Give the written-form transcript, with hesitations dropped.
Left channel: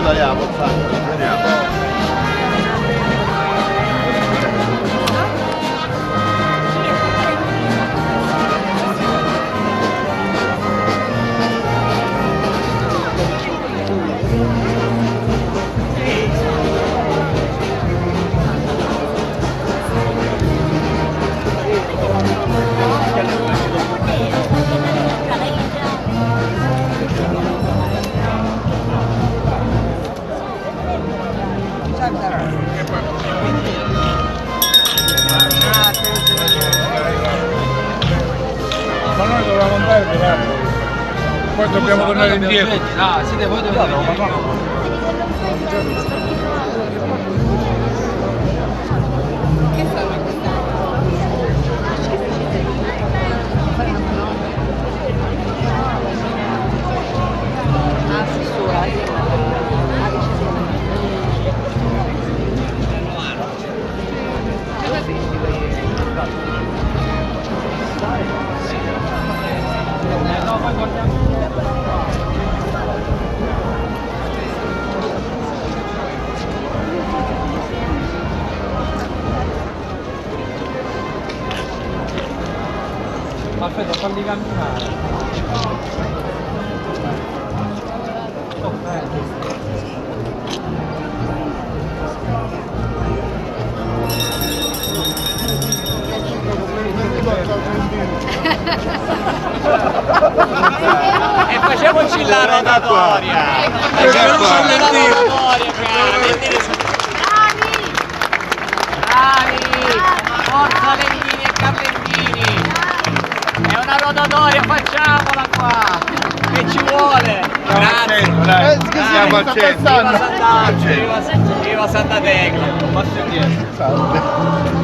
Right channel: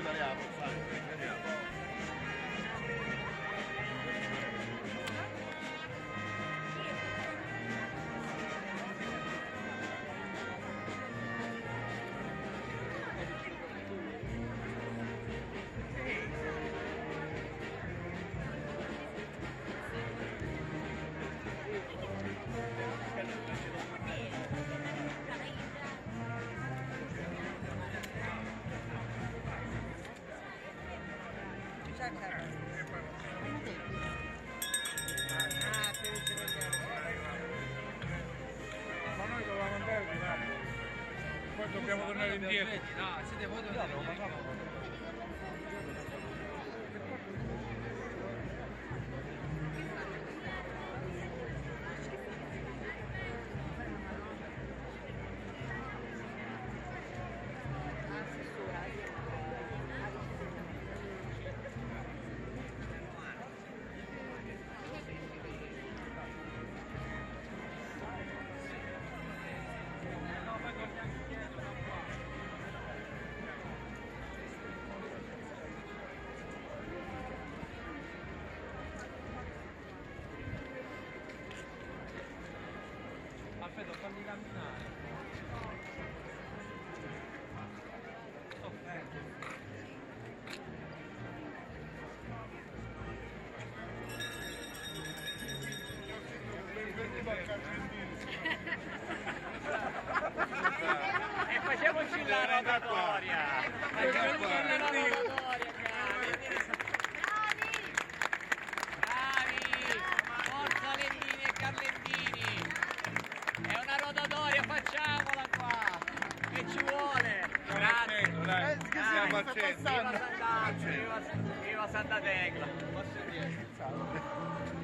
io tagliamo, vediamo. Ma noi dovevamo andare per altro. Poi dobbiamo tornare indietro. Ah, siete voi dove andate? Aspetta, falli camminare. E facciamoci la rotatoria! Facciamoci la rotatoria, bravi! Forza Lendini e Carlendini! È una rotatoria, facciamola qua! Che ci vuole! Grazie! Siamo al centro. Viva Sant'Angelo! Viva Santa Tecla! Passo indietro!